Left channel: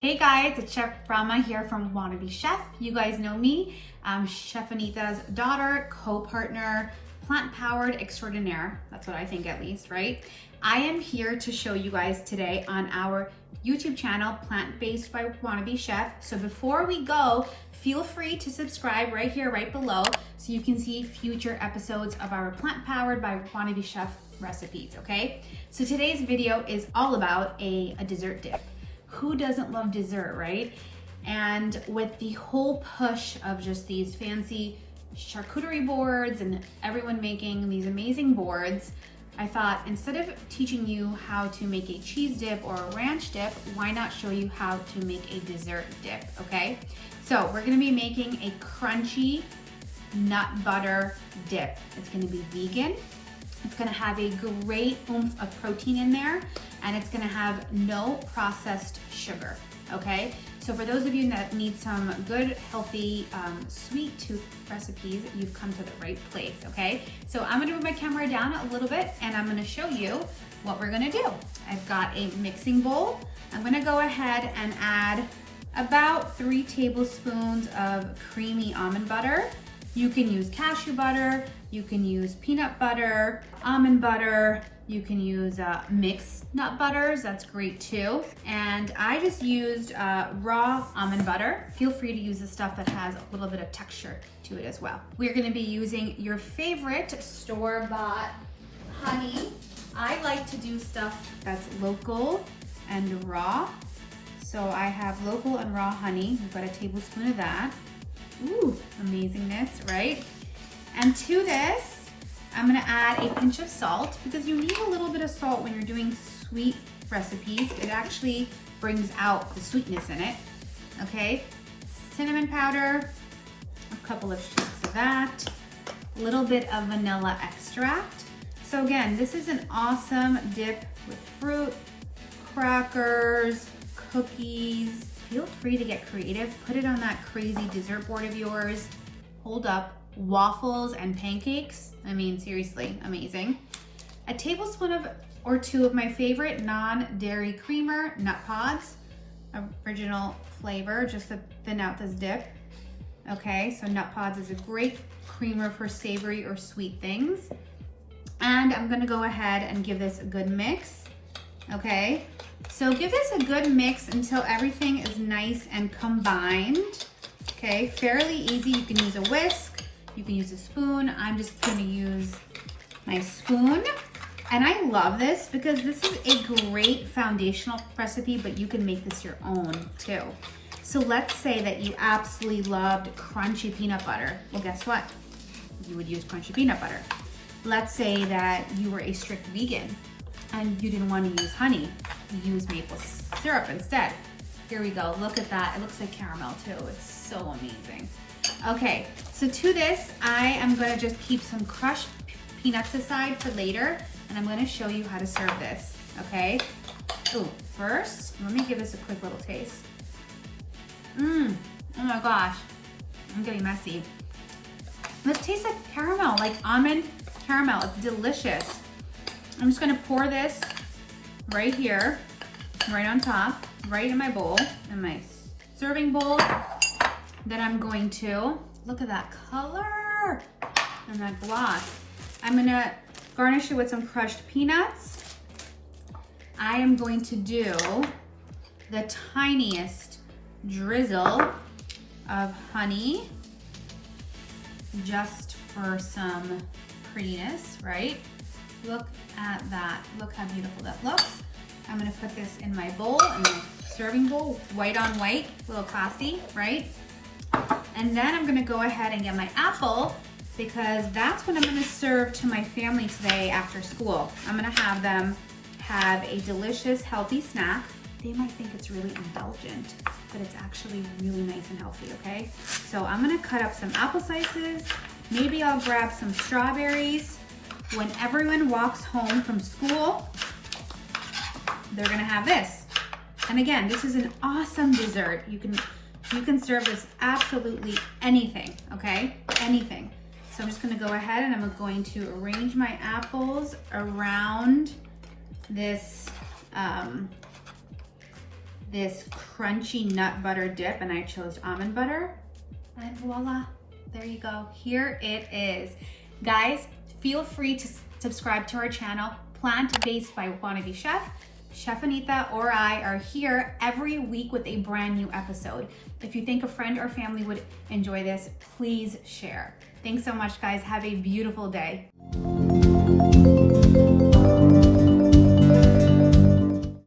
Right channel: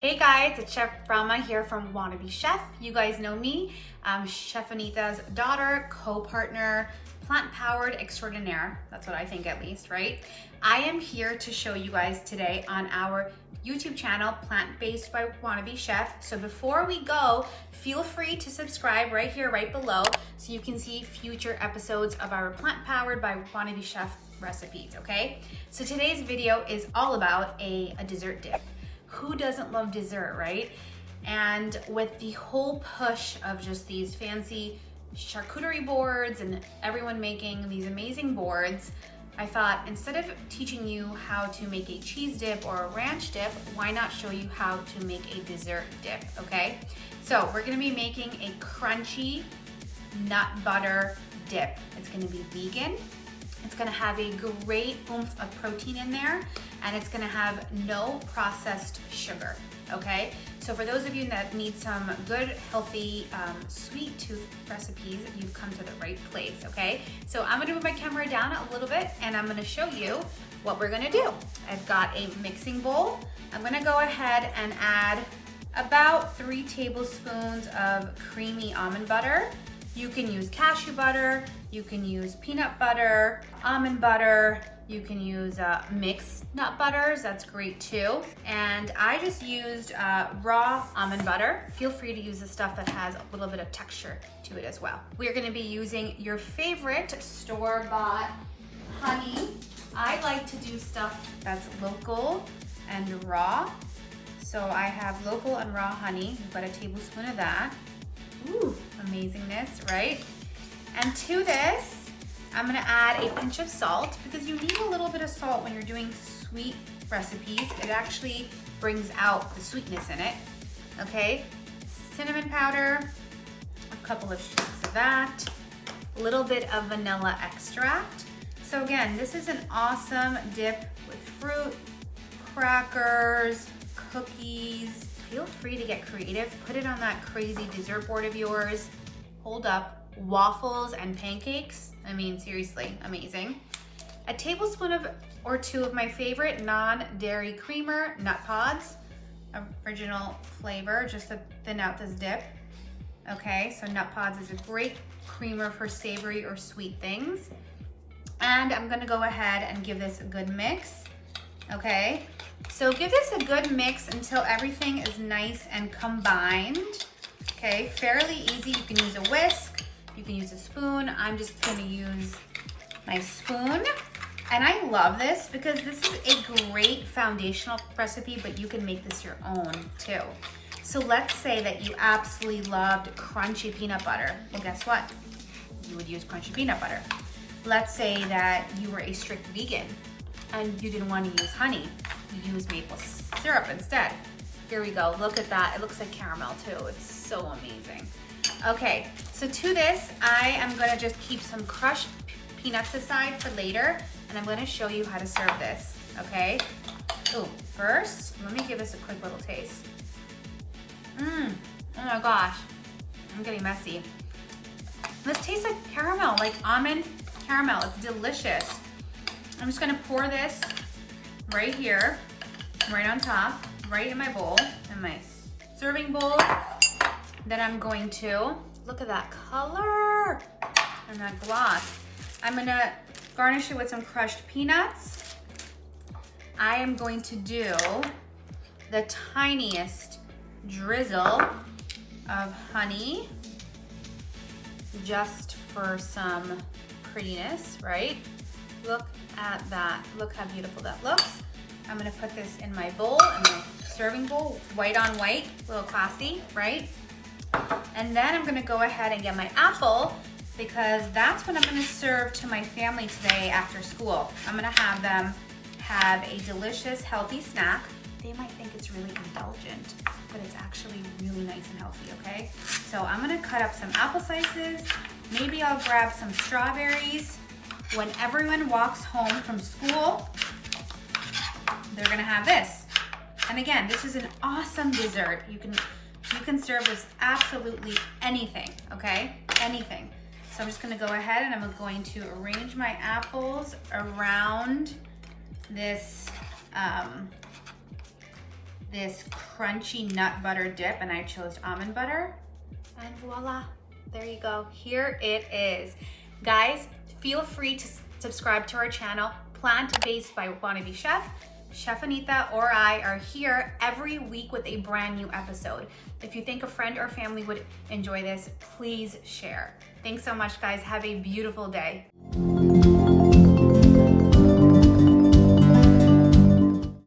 Hey guys, it's Chef Brahma here from Wannabe Chef. You guys know me. I'm Chef Anita's daughter, co-partner, plant-powered extraordinaire. That's what I think at least, right? I am here to show you guys today on our YouTube channel, Plant-Based by Wannabe Chef. So before we go, feel free to subscribe right here, right below, so you can see future episodes of our Plant-Powered by Wannabe Chef recipes, okay? So today's video is all about a dessert dip. Who doesn't love dessert, right? And with the whole push of just these fancy charcuterie boards and everyone making these amazing boards, I thought instead of teaching you how to make a cheese dip or a ranch dip, why not show you how to make a dessert dip, okay? So we're gonna be making a crunchy nut butter dip. It's gonna be vegan. It's gonna have a great oomph of protein in there, and it's gonna have no processed sugar, okay? So for those of you that need some good, healthy, sweet tooth recipes, you've come to the right place, okay? So I'm gonna move my camera down a little bit, and I'm gonna show you what we're gonna do. I've got a mixing bowl. I'm gonna go ahead and add about 3 tablespoons of creamy almond butter. You can use cashew butter, you can use peanut butter, almond butter, you can use mixed nut butters, that's great too. And I just used raw almond butter. Feel free to use the stuff that has a little bit of texture to it as well. We're gonna be using your favorite store-bought honey. I like to do stuff that's local and raw. So I have local and raw honey. We've got a tablespoon of that. Ooh, amazingness, right? And to this, I'm gonna add a pinch of salt because you need a little bit of salt when you're doing sweet recipes. It actually brings out the sweetness in it, okay? Cinnamon powder, a couple of shakes of that, a little bit of vanilla extract. So again, this is an awesome dip with fruit, crackers, cookies. Feel free to get creative. Put it on that crazy dessert board of yours. Hold up, waffles and pancakes. I mean, seriously, amazing. A tablespoon or 2 of my favorite non-dairy creamer, nut pods. Original flavor, just to thin out this dip. Okay, so nut pods is a great creamer for savory or sweet things. And I'm gonna go ahead and give this a good mix, okay? So give this a good mix until everything is nice and combined, okay? Fairly easy, you can use a whisk, you can use a spoon. I'm just gonna use my spoon. And I love this because this is a great foundational recipe, but you can make this your own too. So let's say that you absolutely loved crunchy peanut butter. Well, guess what? You would use crunchy peanut butter. Let's say that you were a strict vegan and you didn't want to use honey. You use maple syrup instead. Here we go, look at that. It looks like caramel too. It's so amazing. Okay, so to this, I am gonna just keep some crushed peanuts aside for later, and I'm gonna show you how to serve this, okay? Oh, first, let me give this a quick little taste. Oh my gosh, I'm getting messy. This tastes like caramel, like almond caramel. It's delicious. I'm just gonna pour this right here, right on top, right in my bowl, in my serving bowl. Then I'm going to, look at that color and that gloss. I'm gonna garnish it with some crushed peanuts. I am going to do the tiniest drizzle of honey, just for some prettiness, right? Look at that. Look how beautiful that looks. I'm gonna put this in my bowl, in my serving bowl, white on white, a little classy, right? And then I'm gonna go ahead and get my apple because that's what I'm gonna serve to my family today after school. I'm gonna have them have a delicious, healthy snack. They might think it's really indulgent, but it's actually really nice and healthy, okay? So I'm gonna cut up some apple slices. Maybe I'll grab some strawberries. When everyone walks home from school, they're gonna have this. And again, this is an awesome dessert. You can serve this absolutely anything, okay? Anything. So I'm just gonna go ahead and I'm going to arrange my apples around this this crunchy nut butter dip, and I chose almond butter. And voila, there you go. Here it is. Guys, feel free to subscribe to our channel, Plant-Based by Wannabe Chef. Chef Anita or I are here every week with a brand new episode. If you think a friend or family would enjoy this, please share. Thanks so much, guys. Have a beautiful day.